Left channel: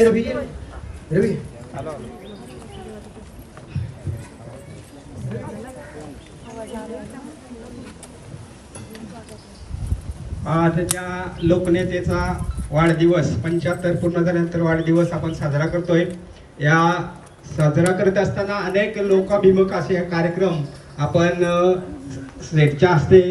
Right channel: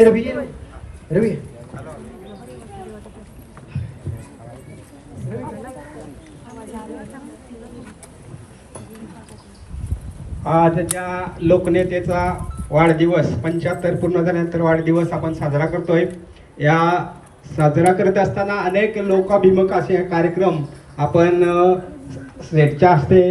रवी आज त्या लोकनेतेचा वाढदिवस 75 पूर्ण झाल्यानंतर वाढदिवस आपण साजरा करतोय। या साजरा करत असताना अनेक लोकाभिमुख असे कार्यक्रम आपण सेटच्या हस्ते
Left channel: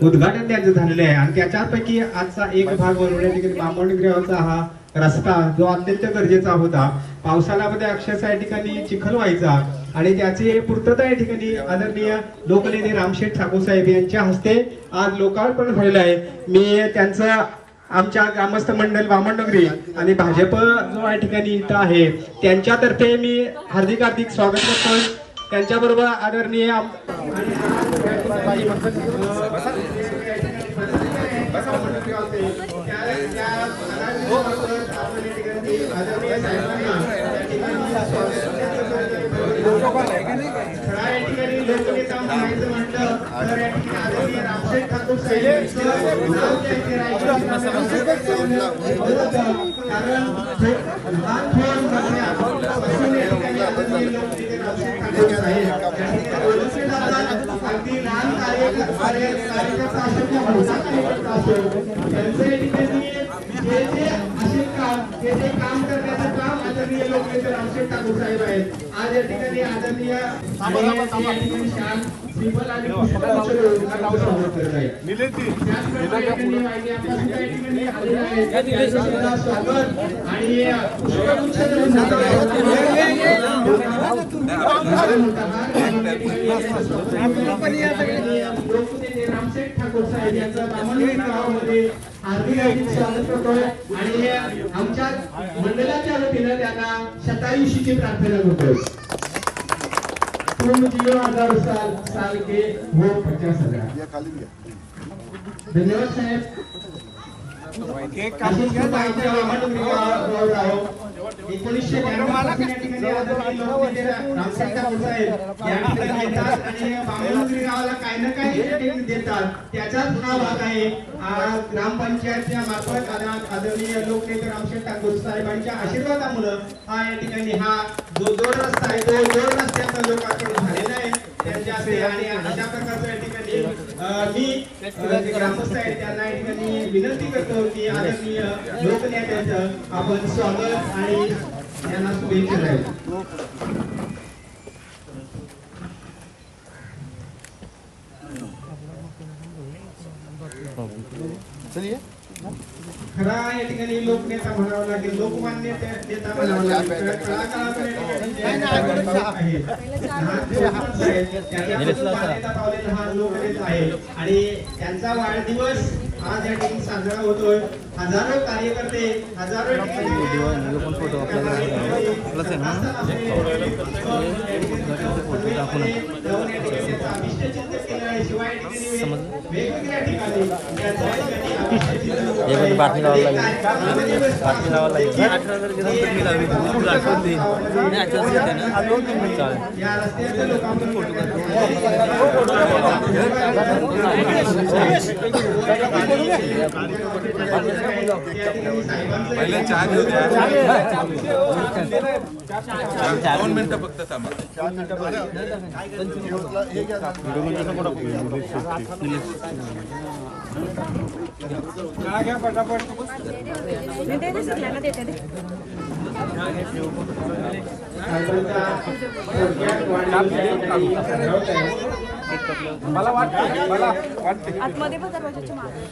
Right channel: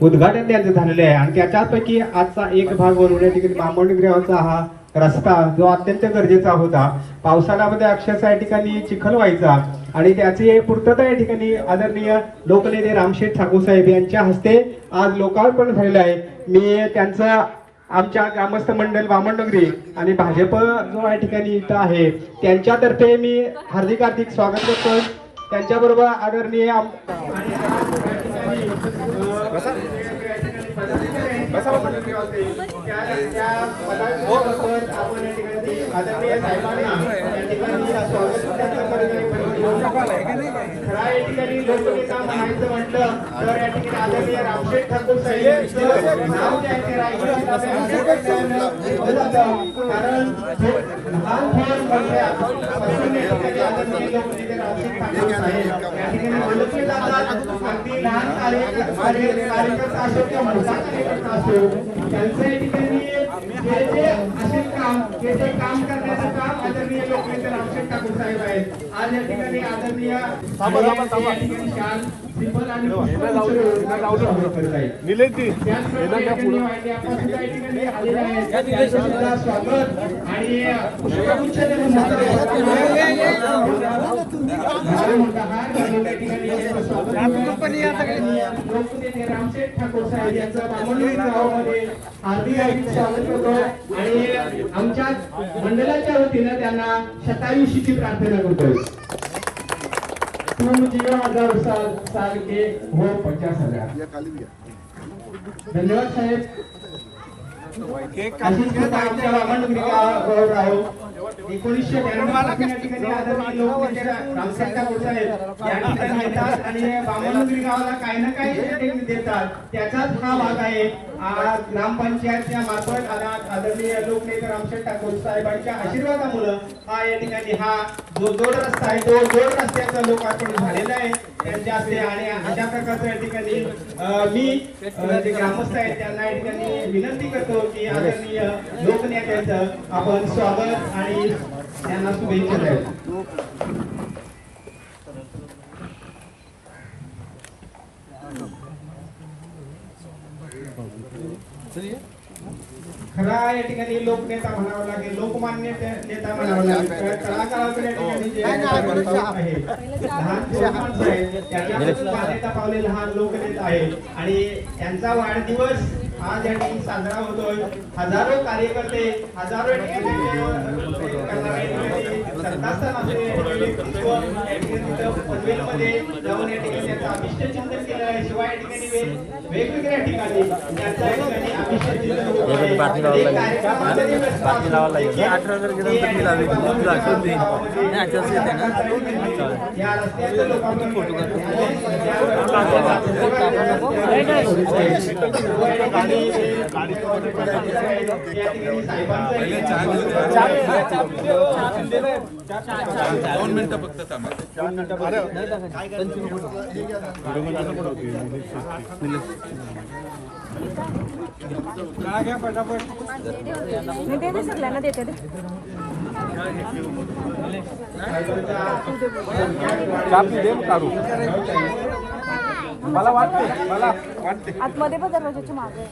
उद्घाटन त्यांचं झालेलं आहे आणि त्याच्यापैकी आजचा एक भाग बनवण्यासाठी बामणगावचा हा रस्ता जो अत्यंत गरजेचा होता। पावसाळ्यामध्ये अक्षरशः या ठिकाणी चिखल व्हायचा आणि त्याची पूर्तता या ठिकाणी आदरणीय लोकनेते रामशेठ ठाकूर साहेब यांच्या हस्ते आज लोकार्पण झालेलं आहे। मी त्यांचा आमच्या ग्रामस्थ मंडळ बामणनगरी आणि भाजप जो या ठिकाणी इथं आहे त्यांच्यातर्फे मी हार्दिक स्वागत करतोय। त्यांच्याबरोबर आदरणीय आज या ठिकाणी आदरणीय रामशेठ ठाकूर साहेब यांचा आणि आमच्या मंडळाच्या वतीनं त्यांना शतायुषीची प्रार्थना करतोय। तुम जीवन 1000 साल के हो 50,000। धन्यवाद साहेब। केक कापून घ्या जायचं आहे 1992 गावाला काही ना काही देतात त्याचाच हा भाग आहे। ग्रामपंचायतच्या मार्फत आदरणीय लोकनेते रामशेठ ठाकूर साहेबांच्या आशीर्वादामुळे हा या ठिकाणी हा जो जोड रस्ता आहे तो जोड रस्त्याचा लोकार्पण झालेला आहे त्यांच्या हस्ते आणि अशा प्रकारच्या या ठिकाणी मी ग्रामस्थ आहे त्यांना या ठिकाणी विनंती करतो की आदरणीय लोकनेत्यांचं आपण स्वागत आणि त्यांना शुभेच्छा द्याव्या। चलिए खरा या ठिकाणी लोकनेता म्हणावं लागेल लोकमान्य नेता आणि त्यांचा वाढदिवस आज या ठिकाणी साजरा होतोय। हजारो कार्यकर्ते हजारो वेगवेगळ्या ठिकाणी बातमी लावायला लागेल बातमी लावायला लागेल 18 तारखेनंतर मी लावली तुला आठवण देईन नाही 8 वाजता येते ना चालेल पहिले चहा घेऊ द्या 2 मिनिटं फक्त थांबा काय घ्या पटापट मला वाटते आतमध्ये पण दरवाजाच्या मागे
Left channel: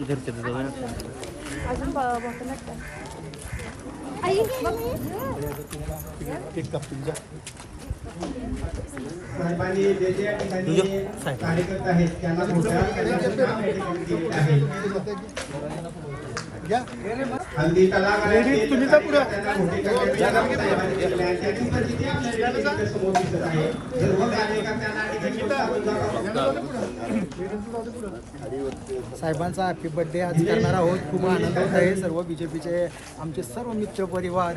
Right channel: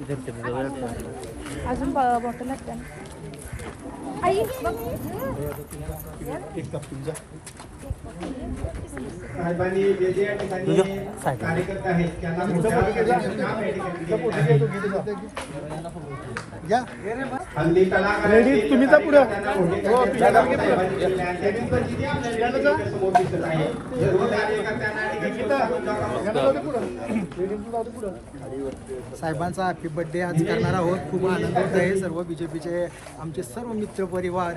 इधर अजून बॉटल लागतं. आई बघ. साहेबांनी जे जे या ठिकाणी कार्यकर्ते आहेत त्यांना मोठ्या करण्याचं काम या ठिकाणी केलेलं आहे. हल्ली कलाकारांची त्यांना मोठे करण्याचं काम साहेबांनी केलेलं आहे. त्याची परिस्थिती आपल्याला इथे समोर दिसत आहे. सर्व कार्यकर्त्यांना ठिकाणी टाकून जागा. साहेबांचा हॅपी बर्थडे आज करणार आहोत. खूप आनंद होत आहे. सर्व बीजेपीचे आमचे सर्व मित्र परिवार,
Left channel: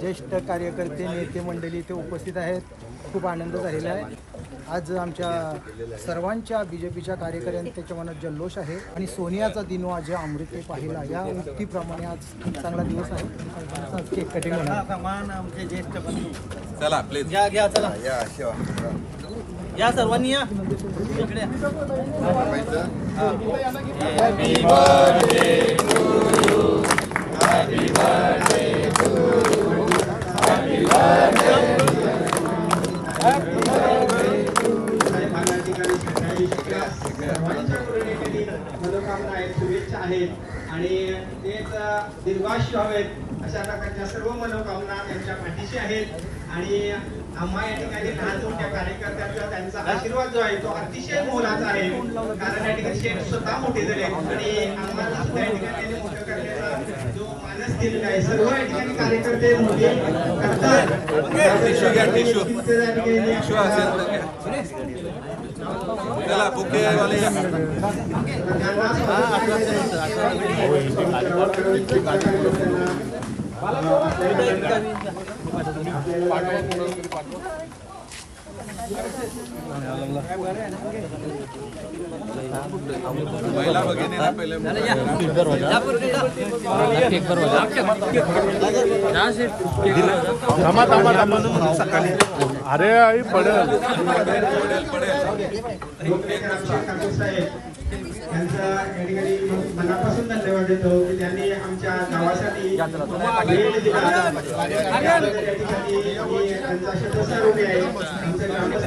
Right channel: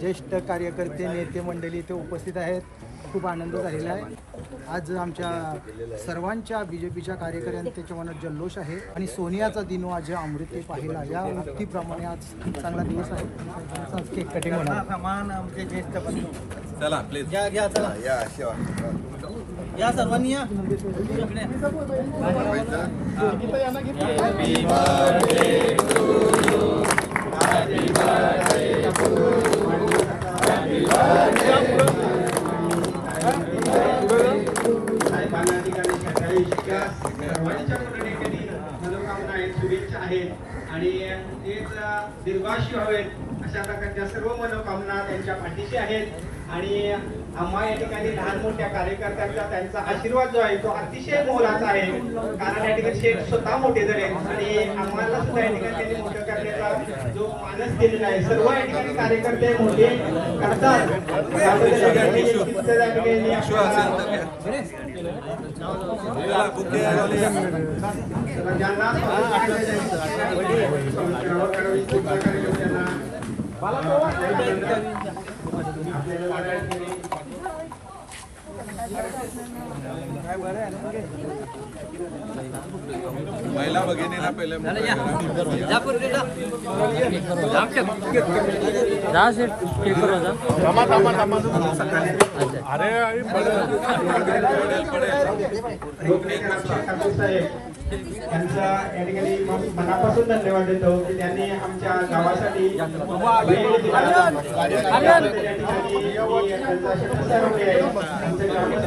ज्येष्ठ कार्यकर्ते, नेते मंडळी इथे उपस्थित आहेत. खूप आनंद झालेला आहे. आज आमच्या सर्वांच्या बीजेपीच्या कार्यकर्त्यांच्या मनात जल्लोष आहे आणि सोनियाचा दिनो आज अमृते पाहिला या उक्तीप्रमाणे आज चांगला दिवस आहे. साहेबांचा आज केक कटिंग होणार. आमचे ज्येष्ठ बंधू चला प्लीज घ्या घ्या चला या सर्वांनी या इकडे साहेबांना ठिकाणी सकाळी सर्वांच्या मनोकामना आहेत, शुभेच्छा आहेत आणि तेच दीर्घायुष्य हवेत अशा प्रकारच्या सर्व मनोकामना त्यांच्या पाठीशी आहेत. आणि आम्हा या ठिकाणी लहान मोठ्या कार्यकर्त्यांचा त्यांचा आशीर्वाद जो आहे तो अतिशय मोलाचा आहे. कारण या ठिकाणी शेठ स्वतः मोठे झाले आणि आम्हाला सुद्धा या ठिकाणी मोठं करण्याचा जो मानस दिलेला आहे. सर्व या ठिकाणी कार्यकर्ते मोठे करतात. टिश्यू असेल तर घ्या. चला बुके वाले या. महिला भगिनीला पहिले त्यांचं या ठिकाणी मनापासून धन्यवाद देतो की त्यांनी आमच्या गावासाठी वेळ दिला. या ठिकाणी त्यांचा शतसारोग्य आहे. आमचं ग्रामस्थ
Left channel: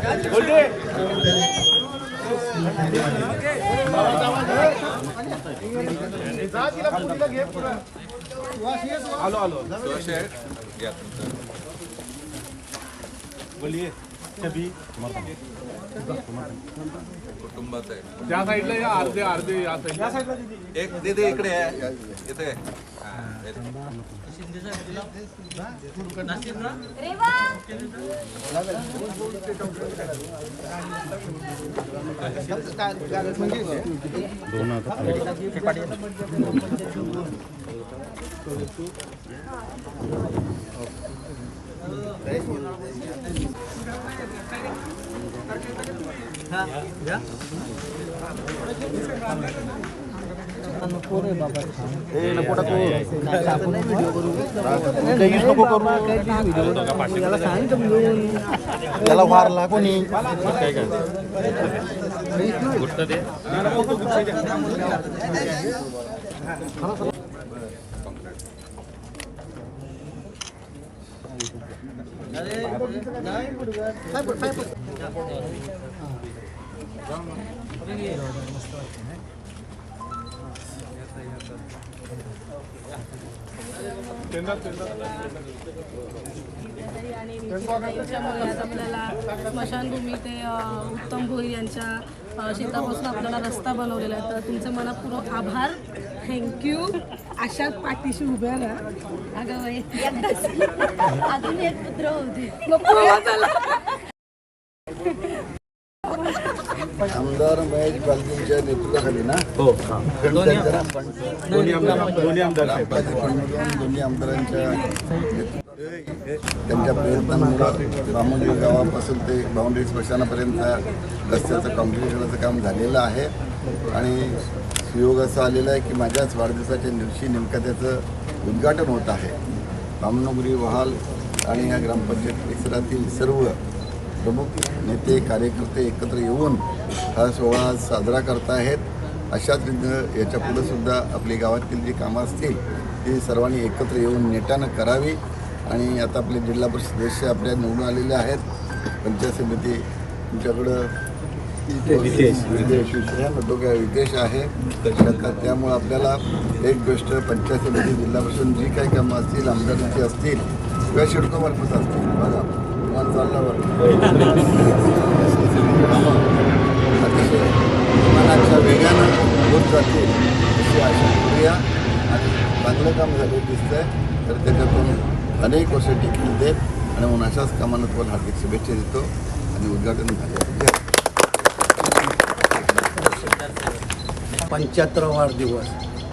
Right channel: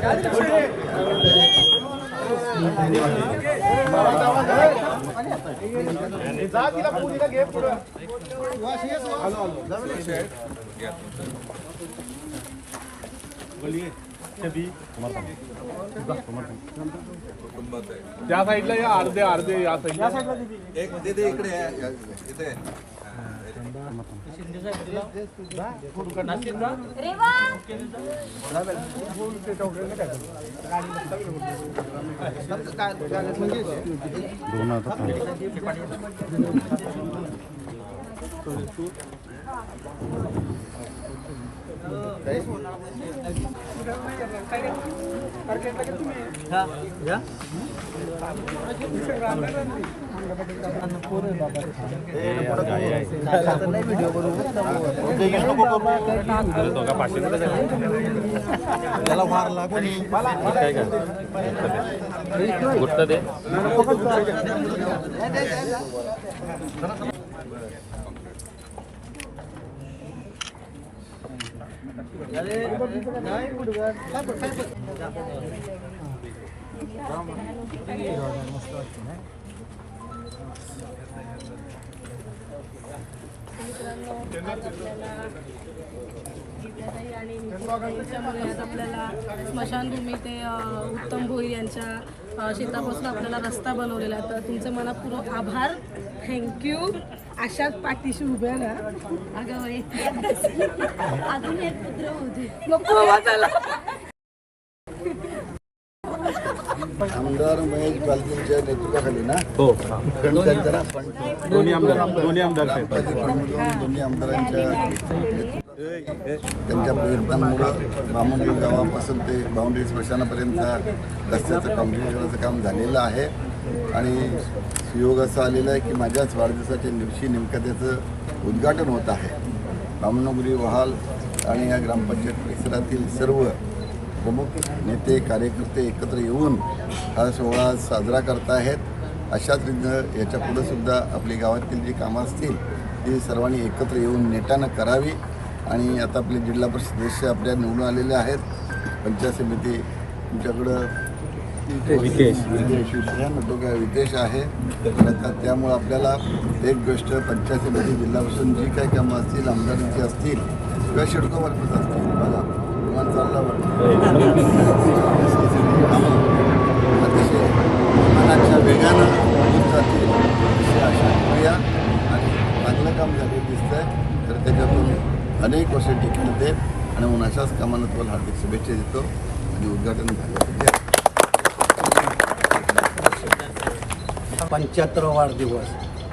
घ्या कुटुंबात आहे. त्या साईडला या अर्धे अर्धे या साईडला एक दीदी इकडे आहे इथे. त्याला वार लागून आणि याच्यामुळे आज आपल्याला स्मशानभूमी ते उत्तम भोईर यांच्या शेतापासून आपल्याला रस्ता बनवलेला आहे. तर तुमचं मनापूर्वक आभार, थँक्यू. अशाच पाठीशी उभ्या ना. अगं बाई अजून एक पुत्र होते. नको वाचायला. आमदार महेश बालकींच्या नेतृत्वाखाली ना त्यांच्या दोन्ही आमदारांच्या त्यांच्या प्रयत्नांमुळं बामुंडी गावापासून ते बाउंड्री स्मशानापर्यंतचा रस्त्याचं काँक्रिटीकरणाचं काम झालेलं आहे. आणि सुयोग असं आलेलं आहे की माझ्याच वाढदिवसाच्या दिवशी नेमकं त्याचं उद्घाटन होत आहे. बामणोगरी, वहाल आणि या ग्रामपंचायत परिसरातील सर्व प्रमुख नेते कार्यकर्ते एकत्र येऊन हा सोहळा साजरा करत आहेत. अशाच रीतीनं याच्या पुढं सुद्धा आपली गावातील जी कामं असतील ती सर्वांनी एकत्र येऊन नेटानं करावी. आणि आता आपले जिल्हा परिषद सदस्य आपल्या निवडून आलेले आहेत. पंचायत समिती तुमच्याकडं विदेश विषया नटोका विदेश आहे. त्यामुळे आपल्याला एक गोष्ट पंचायत समिती जिल्हा परिषद जी काही कामं असतील आमदारांची असतील किंवा शिडको मार्फत असतील बघा विमान चालल्यावर कामं अतिशय विमानाच्या वेगानं होत जातील अशी आशा करूया. आणि चांगलं काम झाले दिसतंय तर त्याच्यातून अनेक वर्ष टिकून देत आणि म्हणून अशाच कामांना तुम्हाला हार्दिक शुभेच्छा देतो आणि उद्घाटन झाले. 75वा वाढदिवस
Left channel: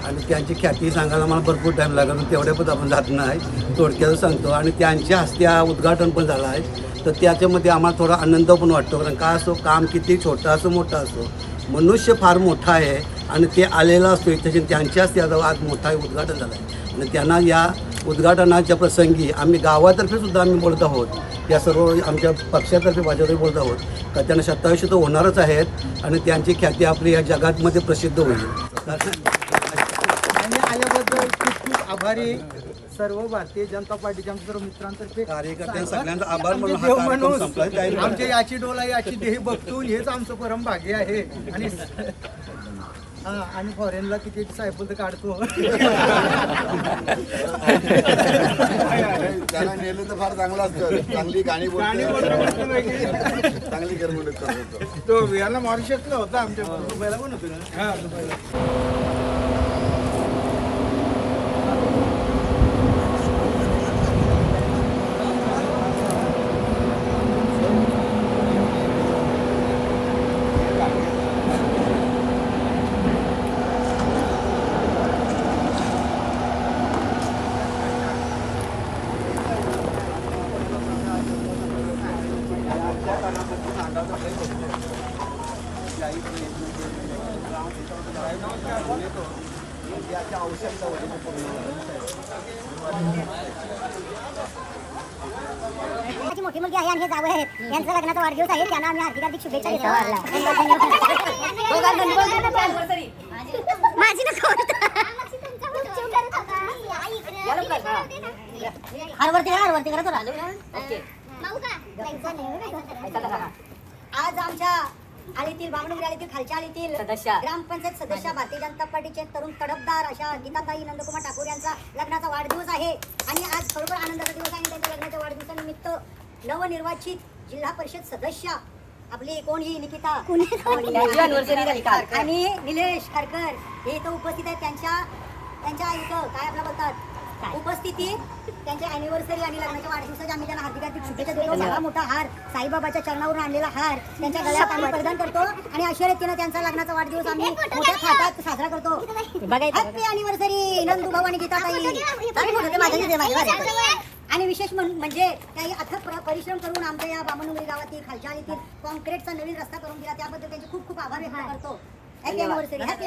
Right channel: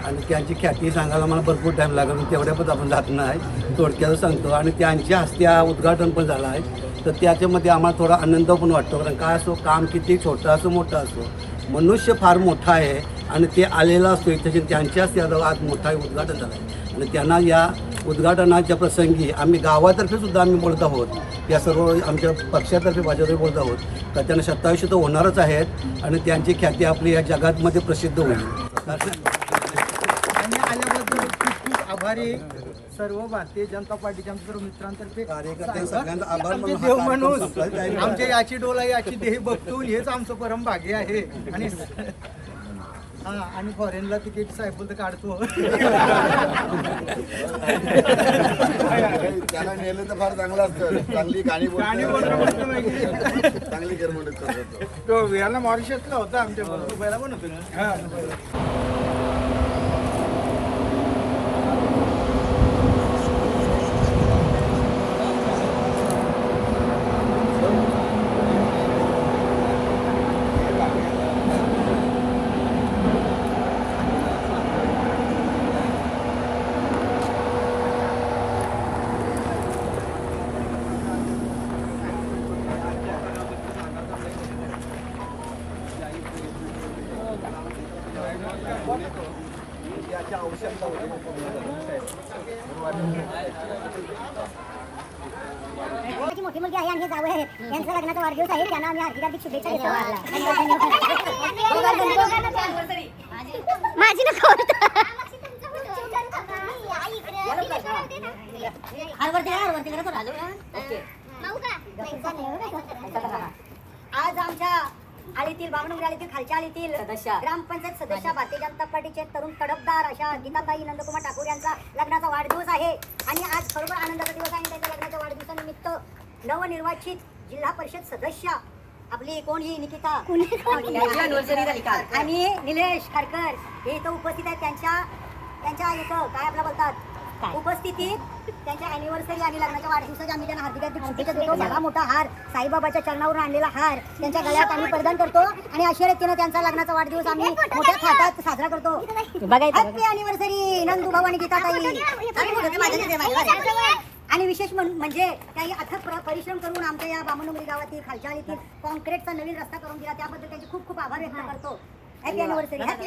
आणि त्यांची ख्याती सांगायला मला भरपूर टाईम लागला पण तेवढ्यापण आपण जात नाही, थोडक्यात सांगतो. आणि त्यांच्या हस्ते उद्घाटन पण झालं आहे तर त्याच्यामध्ये आम्हाला थोडा आनंद पण वाटतो. कारण का असो काम किती छोटा असो मोठा असो मनुष्य फार मोठा आहे आणि ते आलेला असतो इथे त्यांच्या हस्ते आज मोठा उद्घाटन झालं आहे. आणि त्यांना या उद्घाटनाच्या प्रसंगी आम्ही गावातर्फे सुद्धा आम्ही बोलत आहोत, या सर्व आमच्या पक्षातर्फे भाजपतर्फे बोलत आहोत का त्यांना 27 तर होणारच आहेत आणि त्यांची ख्याती आपली या जगातमध्ये प्रसिद्ध होईल. आणि आल्याबद्दल खूप खूप आभारी सर्व भारतीय जनता पार्टीच्या आमच्या सर्व मित्रांतर्फे कार्यकर्ते सगळ्यांचा आभार आमचे मानून देव हा म्हणून कार्यक्रम संपला. आमच्या याची डोला याची देही बघतून हेच आमचं परम भाग्य आहे. आणि हा आणि फॉरेनला तिकीट सायकल तर काढतो. त्याला नेलं तर फार चांगलं असतं. चांगली गाणी बोलतो चांगली करमणूक करतो. तो याला मॉरिशसला होता आमच्या दुबईला पण होतो ना. माझी मोठी मुलगी आहे आणि हे जावई आहेत. यांचा लग्नाचा वाढदिवस आहे. त्यांना आम्ही हार्दिक शुभेच्छा देतो. माझी नको आज आमच्या आळीतील बामणुंगरी आळीतील खालच्या आळीतील ग्रामपंचायत सदस्य भारतीय जनता पार्टीचे तरुण तडफदार अशा गीताताई नंदकुमार ठाकूर यांचा लग्नाचा वाढदिवस आहे. आणि आज खरोखर आनंदाचा दिवस आहे. आणि त्यांच्या लग्नाच्या वाढदिवसानिमित्त नवनिर्वाचित जिल्हा परिषद सदस्य आपली कोण ही निकिता आणि निलेश खारकर हे इथं उपस्थित आहेत. त्यांच्या इथं काय आपला बोलतात उपस्थितीत त्यांच्या अॅनिव्हर्सरी आणि लग्नाच्या वाढदिवसाच्या आम्ही त्यांना हार्दिक शुभेच्छा देतो. मला मोठा हार साईबाबाच्या चरणावरून आणलेला हार त्यांच्या गळ्यात आम्ही परिधान करतो आणि अशा रीतीनं त्यांचा लग्नाचा वाढदिवस आम्ही मोठ्या थाटात साजरा करतो. हॅपी अॅनिव्हर्सरी नंदू भाऊ आणि गीताताई. आणि विशेष म्हणजे काही अथक परिश्रम करून आमच्या या बामणुंगरी गावातील खालच्या आळीतील कॉन्क्रीटचा नवीन रस्ता करून दिला त्याबद्दल त्यांचे खूप खूप आभार व्यक्त करतो. Happy anniversary. हॅपी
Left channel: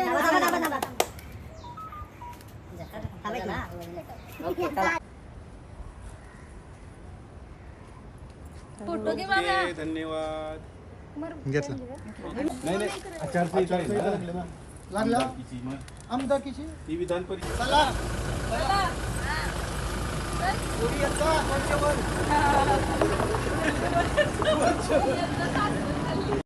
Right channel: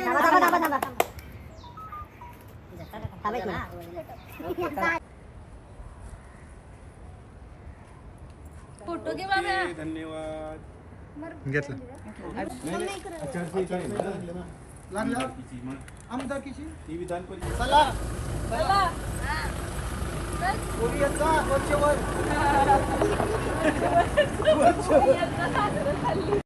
फोटो घे बाबा. धन्यवाद. घेतला नाही आचारसंहिता लागला आमदाकीची ही विधान परिषद चला कोणी येता वरच्या वर